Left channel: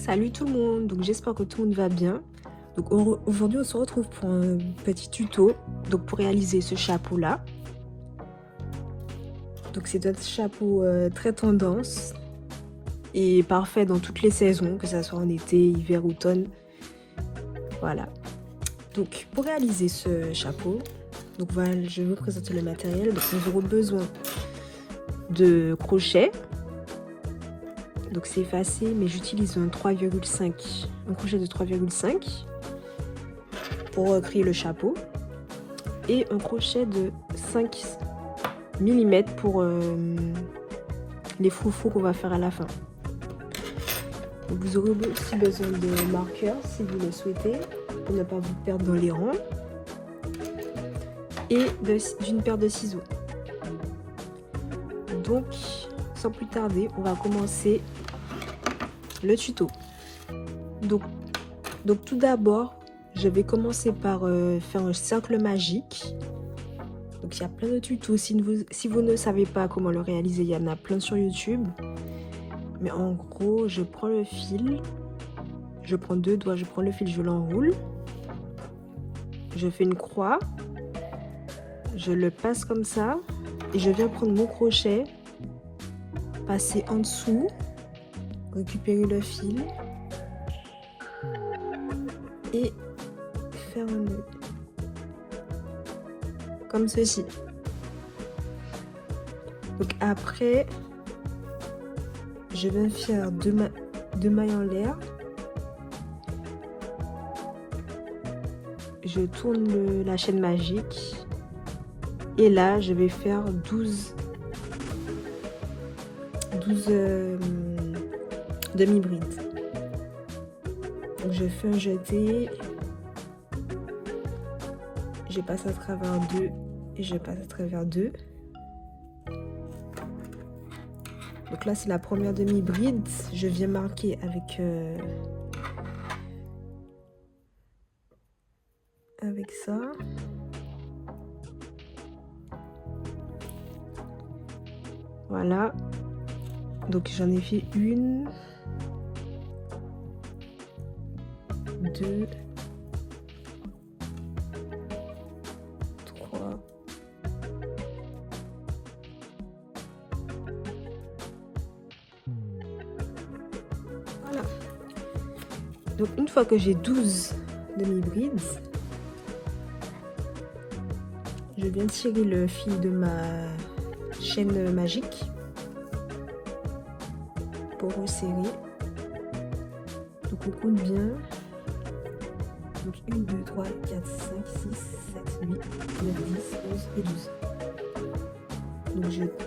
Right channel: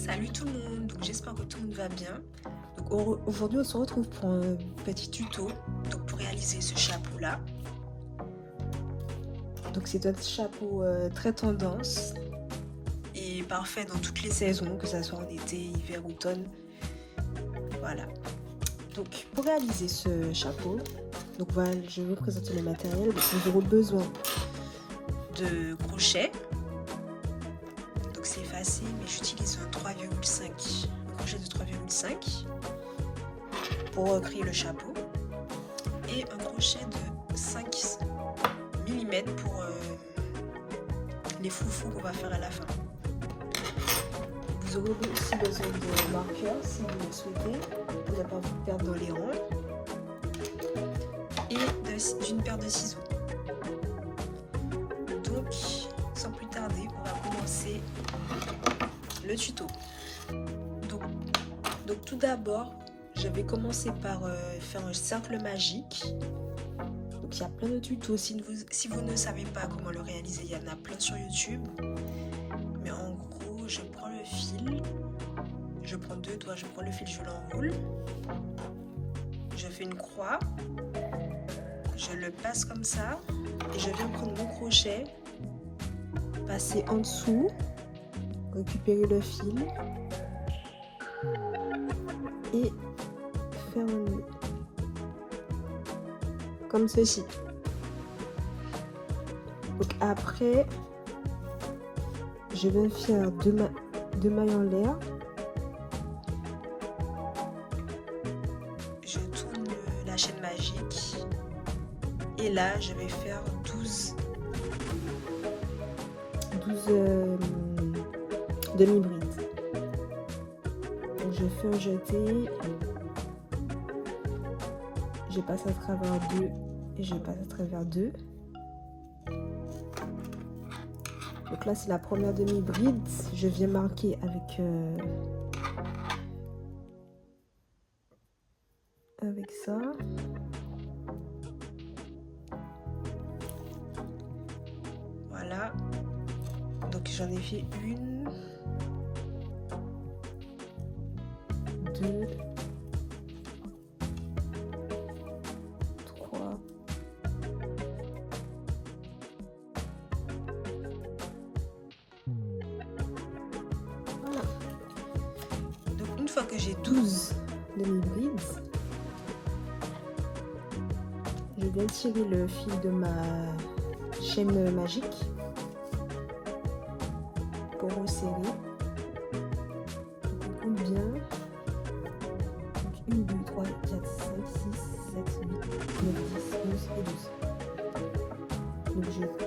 Salut tout le monde, donc j'espère que tout le monde va bien. Donc aujourd'hui on se retrouve pour un petit tuto pour réaliser ce chapeau là. Donc c'est un chapeau très tendance et parfait dans toutes les saisons, que ce soit en été, hiver, automne. Voilà. Donc pour réaliser ce chapeau, donc voilà, je vais vous présenter le matériel. Donc on aura besoin de crochets. Donc c'est effacé, mais j'utilise un 3,5, un crochet de 3,5 pour créer le chapeau et un crochet de 5 mm pour les froufrous qu'on va faire à la fin. Donc vous aurez aussi besoin de marqueurs si vous le souhaitez pour ne pas vous perdre dans les rangs et d'une paire de ciseaux. Donc sans plus tarder, on va commencer le tuto. Donc tout d'abord, je vais commencer par faire un cercle magique. Donc il y a plein de tutos. Si vous ne savez pas comment le réaliser, il y en a plein sur YouTube. Mais en gros, je prends le fil, je prends 2 doigts, je prends le fil, je l'enroule, je fais une croix, je le passe comme ça et je viens prendre mon crochet, passer en dessous, récupérer le fil et faire un nœud comme ceci. Donc après, je vais faire deux mailles en l'air. Je tourne la chaîne magique et là je vais faire 12 demi-brides. Je fais un jeté, je passe à travers 2 et je passe à travers 2. Donc là c'est la première demi-bride, je viens marquer avec ça. Voilà, donc j'en ai fait 1, 2, 3, donc une fois que j'ai 12 demi-brides, je viens tirer le fil de ma chaîne magique pour resserrer. Donc on compte bien. Donc 1, 2, 3, 4, 5, 6, 7, 8, 10, 11 et 12. Donc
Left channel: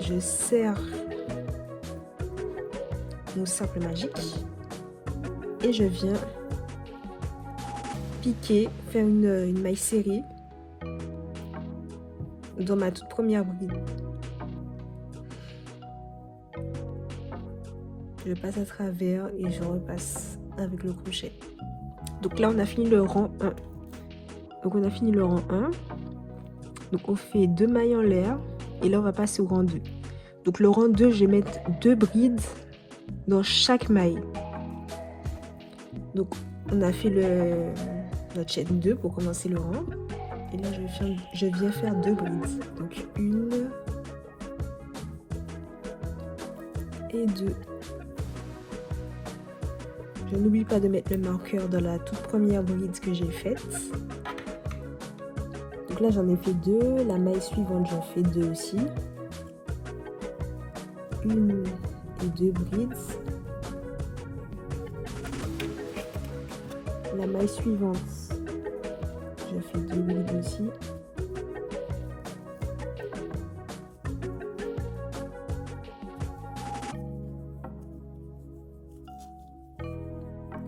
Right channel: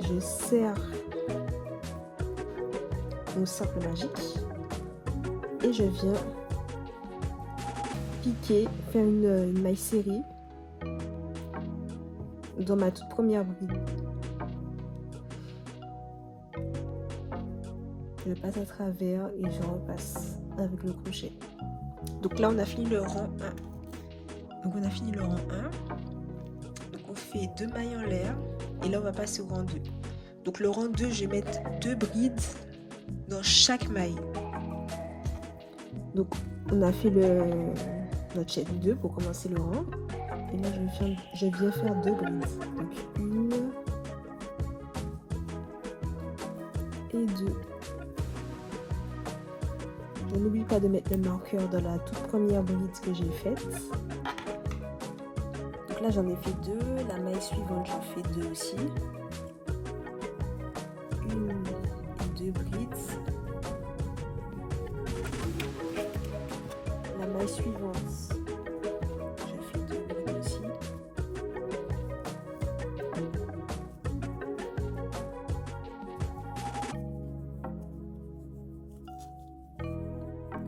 je serre mon cercle magique et je viens piquer, faire une maille serrée dans ma toute première bride. Je passe à travers et je repasse avec le crochet. Donc là on a fini le rang 1. Donc on a fini le rang 1. Donc on fait 2 mailles en l'air et là on va passer au rang 2. Donc le rang 2, je vais mettre 2 brides dans chaque maille. Donc on a fait notre chaîne 2 pour commencer le rang. Et là je viens faire 2 brides. Donc 1 et 2. Je n'oublie pas de mettre le marqueur dans la toute première bride que j'ai faite. Donc là j'en ai fait 2. La maille suivante j'en fais 2 aussi. 1 et 2 brides. La maille suivante, je fais 2 brides aussi.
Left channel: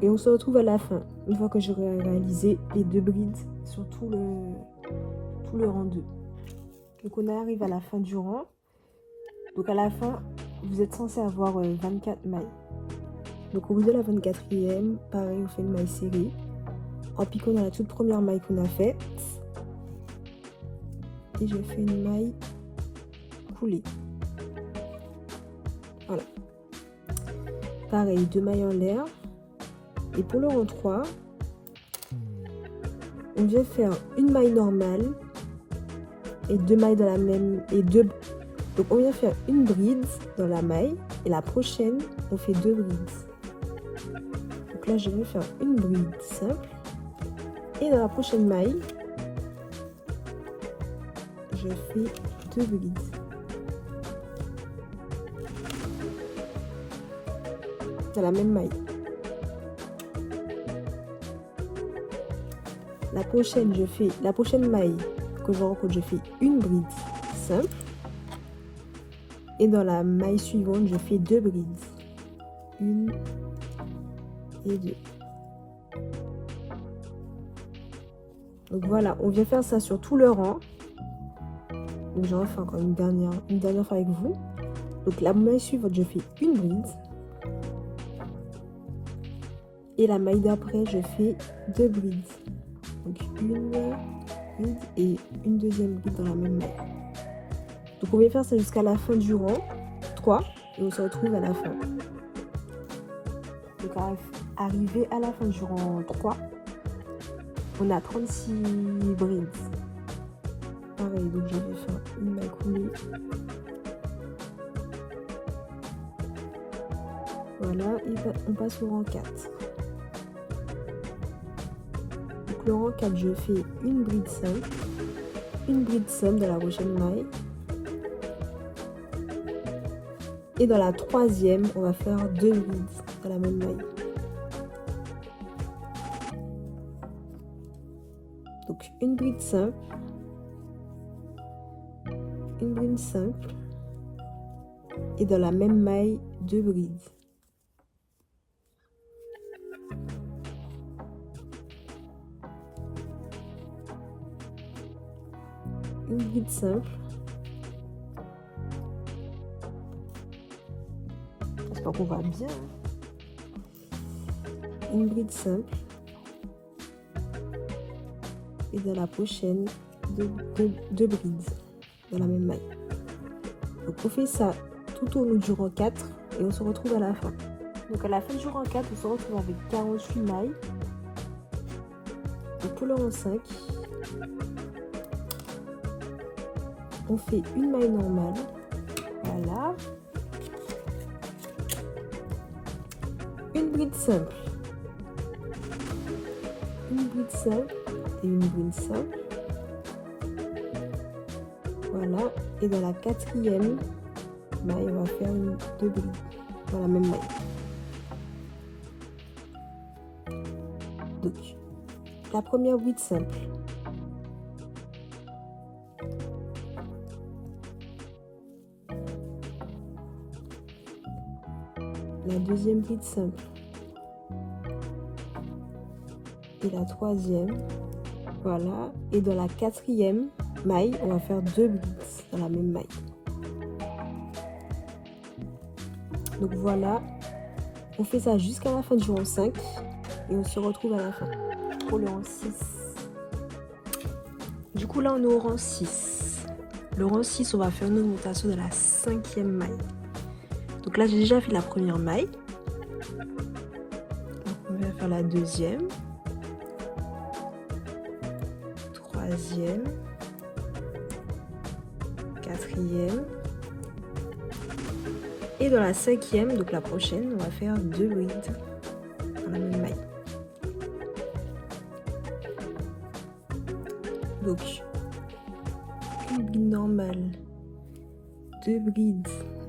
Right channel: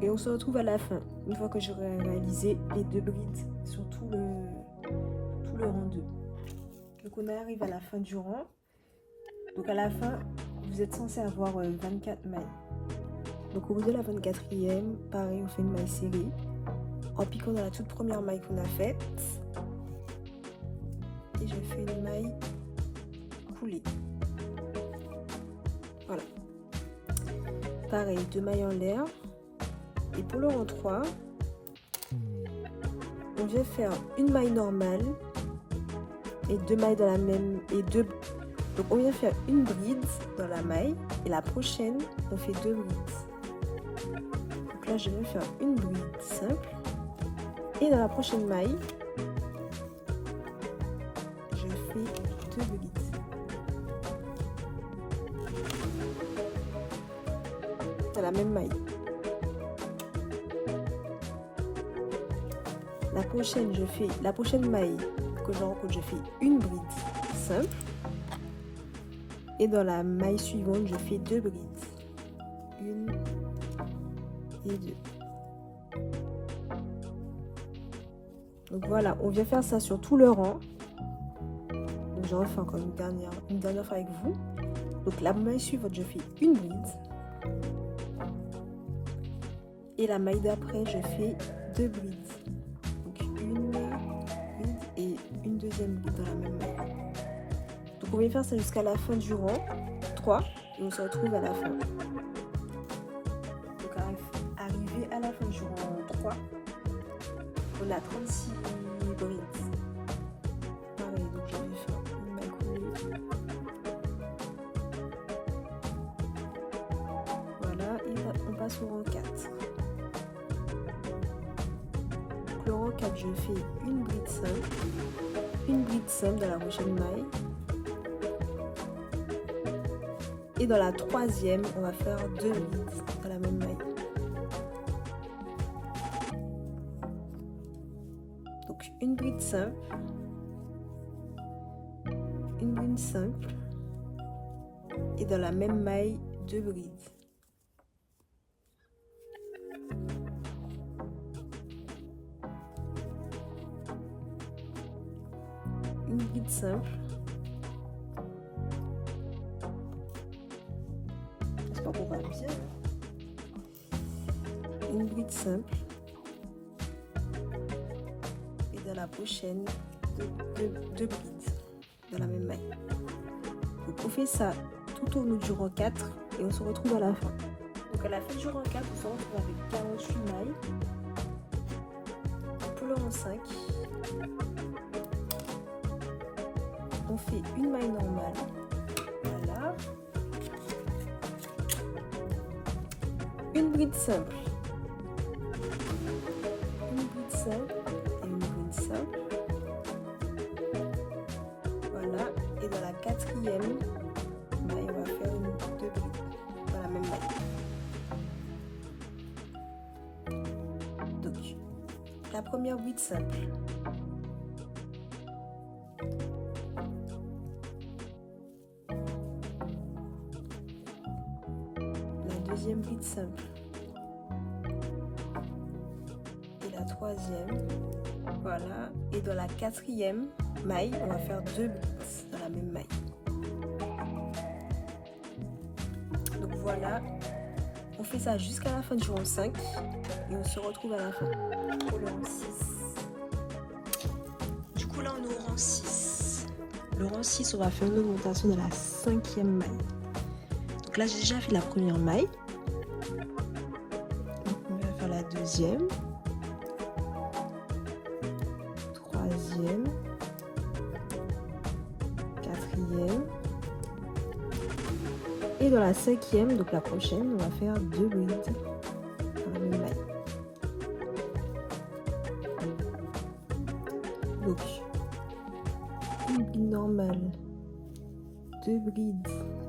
Et on se retrouve à la fin, une fois que j'aurai réalisé les 2 brides sur tout le rang 2. Donc on arrive à la fin du rang. Donc à la fin, vous êtes censé avoir 24 mailles. Donc au bout de la 24e, pareil, on fait une maille serrée en piquant dans la toute première maille qu'on a faite. Et je fais une maille coulée. Voilà. Pareil, 2 mailles en l'air. Et pour le rang 3, on vient faire une maille normale et 2 mailles dans la même et deux. Donc on vient faire une bride dans la maille et la prochaine on fait 2 brides. Donc là je vais faire une bride simple et dans la prochaine maille je fais 2 brides. Dans la même maille. La prochaine maille que je rencontre, je fais une bride simple et dans la maille suivante je fais 2 brides, 1 et 2. Donc voilà, on vient faire ça sur tout le rang. Donc je refais encore une dernière fois avec vous. Donc la maille suivante je fais une bride et la maille d'après je fais 2 brides. Une bride et une deuxième bride dans la même maille. Donc on va faire ça jusqu'à la fin du rang 3 et on se retrouve à la fin. Donc arrivé à la fin du rang 3, on a 36 brides. Pareil, donc je vais faire une maille coulée. Voilà, et on passe au rang 4. Le rang 4, je fais une bride simple dans la prochaine maille et dans la troisième on va faire 2 brides dans la même maille. Donc une bride simple et dans la même maille 2 brides. Simple. J'espère qu'on va bien. Une bride simple. Et dans la prochaine, 2 brides dans la même maille. Donc on fait ça tout au long du rang 4 et on se retrouve à la fin. Donc à la fin du rang 4, on se retrouve avec 48 mailles. Donc pour le rang 5, on fait une maille normale, voilà, une bride simple et une bride simple, voilà, et dans la quatrième maille on va faire 2 brides dans la même maille. Donc la première bride simple, deuxième bride simple et la troisième, voilà, et dans la quatrième maille on va faire 2 brides dans la même maille. Donc voilà, on fait ça jusqu'à la fin du rang 5 et on se retrouve à la fin pour le rang 6. Du coup là on est au rang 6. Le rang 6 on va faire une augmentation de la 5e maille. Donc là j'ai déjà fait la première maille, on va faire la deuxième, troisième, quatrième et dans la 5e, donc la prochaine, on va faire 2 brides dans la même maille. Donc bride normale, 2 brides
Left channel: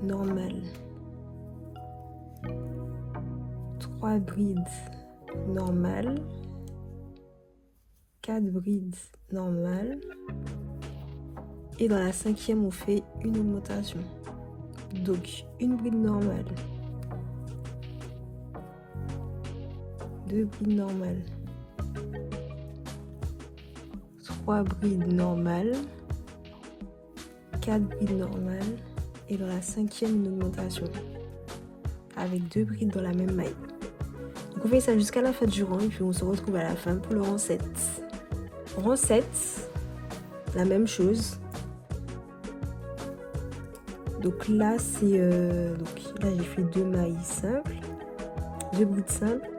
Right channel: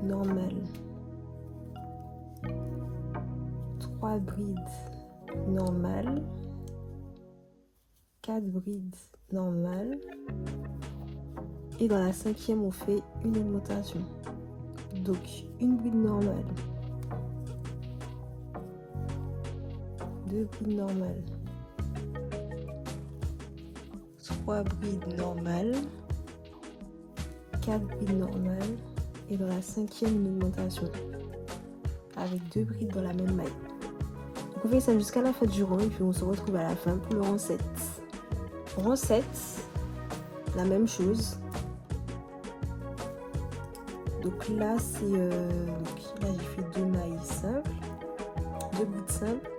normales, 3 brides normales, 4 brides normales et dans la 5e on fait une augmentation. Donc une bride normale, 2 brides normales, 3 brides normales, 4 brides normales et dans la 5e une augmentation avec 2 brides dans la même maille. Donc on fait ça jusqu'à la fin du rang et puis on se retrouve à la fin pour le rang 7. Rang 7, la même chose. Donc là c'est là j'ai fait 2 mailles simples, 2 brides simples,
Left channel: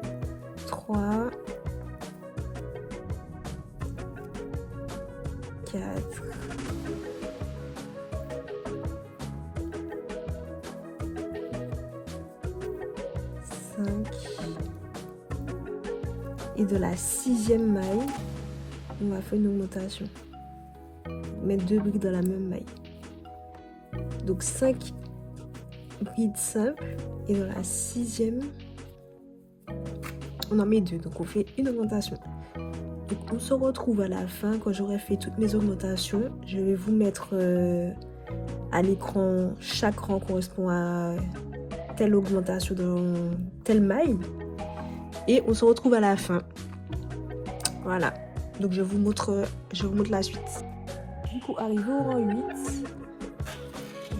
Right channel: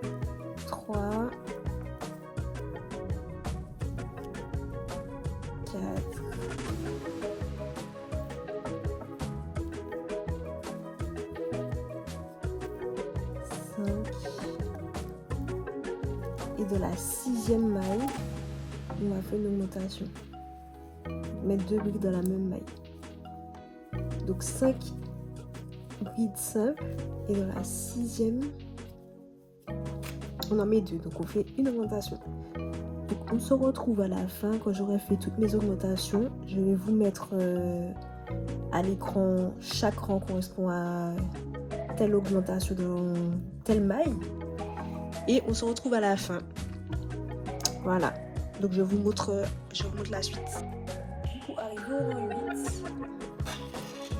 5 brides simples et dans la 6e, on en met 2, donc on fait une augmentation. Donc, on se retrouve à la fin, quand j'aurai fait toutes mes augmentations, je vais vous mettre à l'écran, chaque rang correspond à telle augmentation dans telle maille, et on se retrouve à la fin. Voilà, donc je vous montre la suite. Du coup, arrivé au rang 8,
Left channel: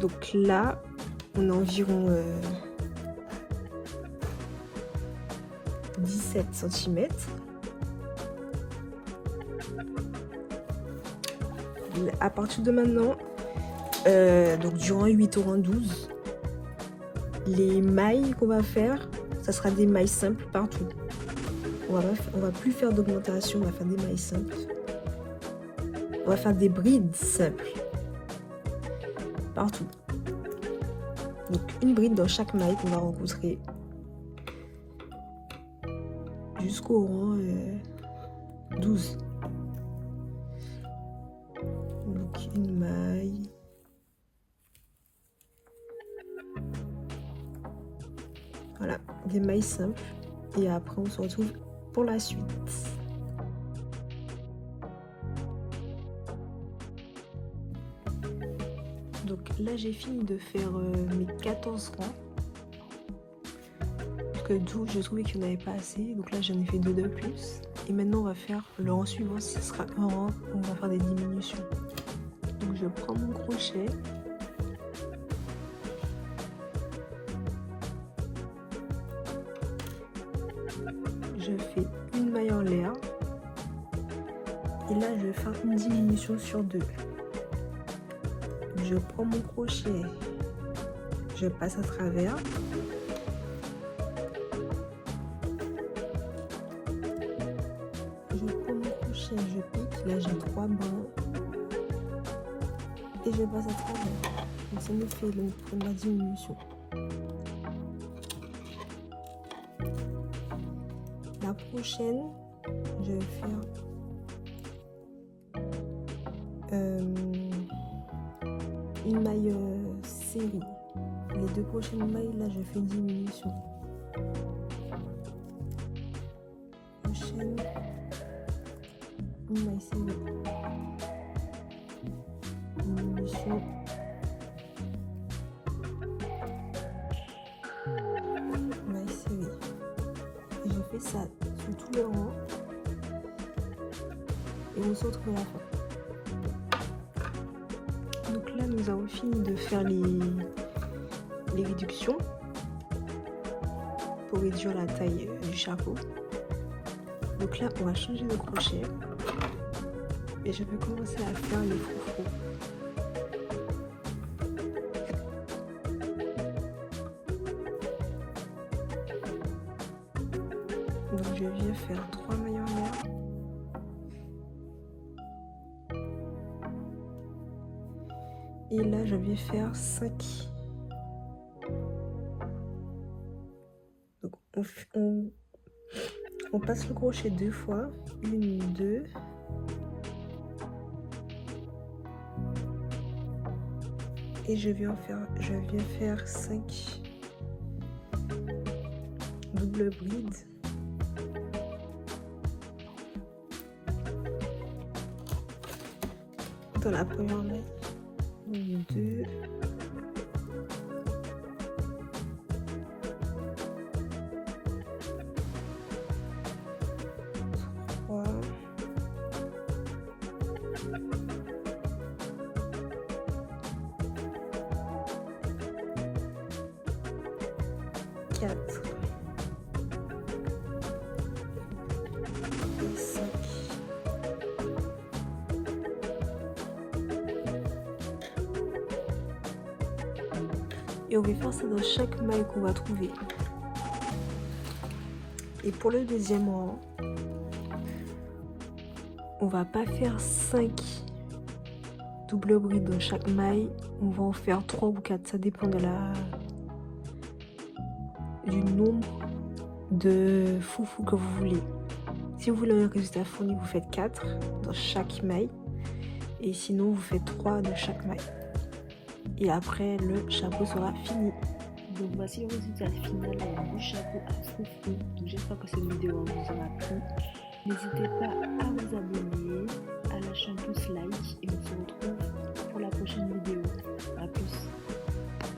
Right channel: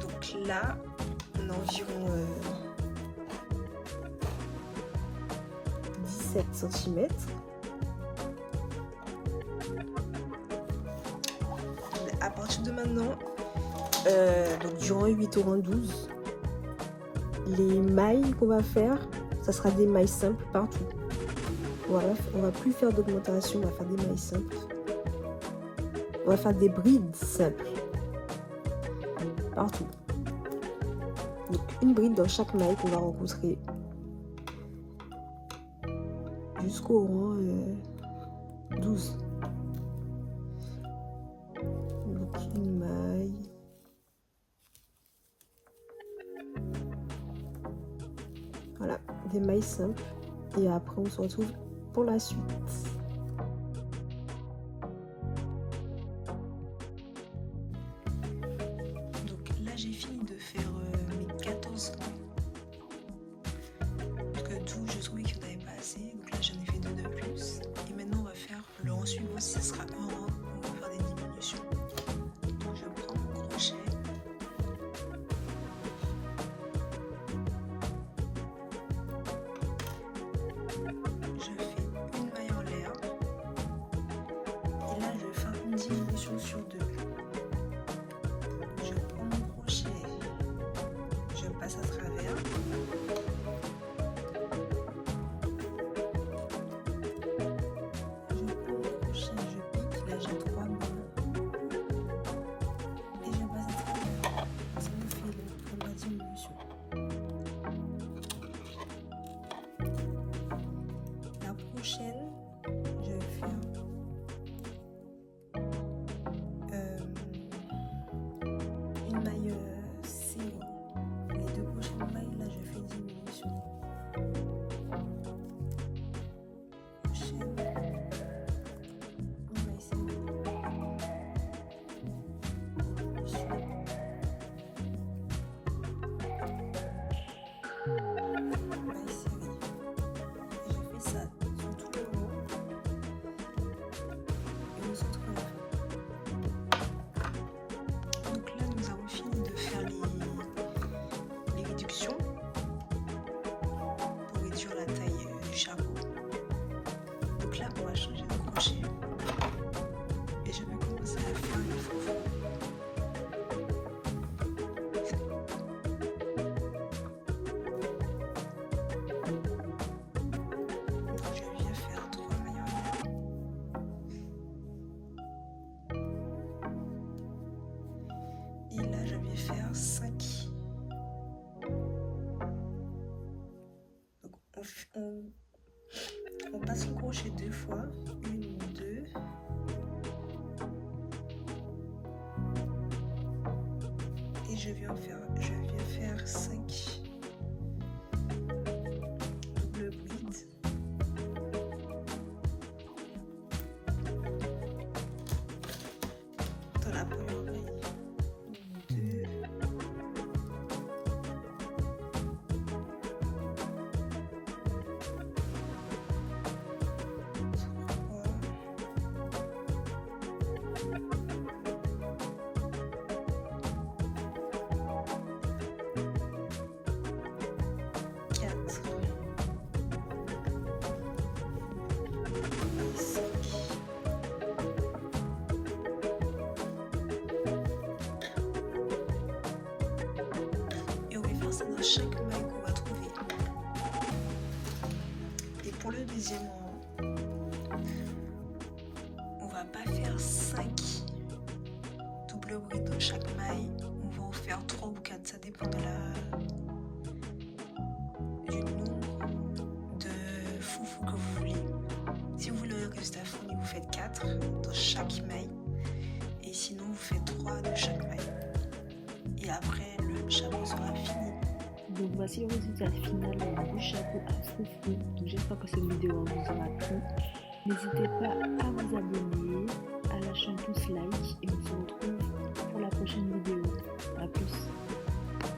donc là, on a environ 17 cm. À partir de maintenant, donc du rang 8 au rang 12, les mailles qu'on va faire, ça sera des mailles simples partout. On va plus faire d'augmentation, on va faire des mailles simples. On va faire des brides simples partout. Donc une bride dans chaque maille qu'on va recoudrer jusqu'au rang 12. Donc une maille. Voilà, des mailles simples. Et après on se retrouve pour la suite. Donc là j'ai fini de faire mes 14 rangs. Parce que 12 je trouvais qu'il n'y en avait pas assez. Donc là j'en ai fait 2 de plus. Et maintenant on va faire le rang suivant, ce sera un rang où on va faire des diminutions. Donc je prends mon crochet. Je fais une maille en l'air. Et là je vais faire une diminution sur 2. Je prends mon crochet, je passe à travers. Je prends mon crochet, je pique, là j'ai 3 bandes. Et je passe à travers. Donc ça nous fait la diminution. La prochaine, je vais faire une maille série. Les 2 prochaines mailles, là, je fais une diminution. Prochaine, une maille série. Diminution. Maille série. Et je fais ça sur tout le rang. Et on se retrouve à la fin. Donc là, nous avons fini de faire les réductions pour réduire la taille du chapeau. Donc là, on va changer le crochet et je vais commencer à faire les froufrous. Donc je viens faire 3 mailles en l'air. Et là, je vais faire 5. Donc, on passe le crochet 2 fois. 1, 2. Et je viens faire 5 double brides. Dans la première maille. 1, 2. Et on va faire ça dans chaque maille qu'on va trouver. Et pour le deuxième rang, on va pas faire 5 double brides dans chaque maille, on va en faire 3 ou 4, ça dépend de du nombre de foufou que vous voulez. Si vous voulez un résultat fourni, vous faites 4 dans chaque maille, et sinon vous faites 3 dans chaque maille. et après le chapeau sera fini. Donc voici le résultat final du chapeau à froufrou. Donc j'espère que cette vidéo vous aura plu. N'hésitez pas à vous abonner, à lâcher un pouce like et on se retrouve pour la prochaine vidéo. A plus.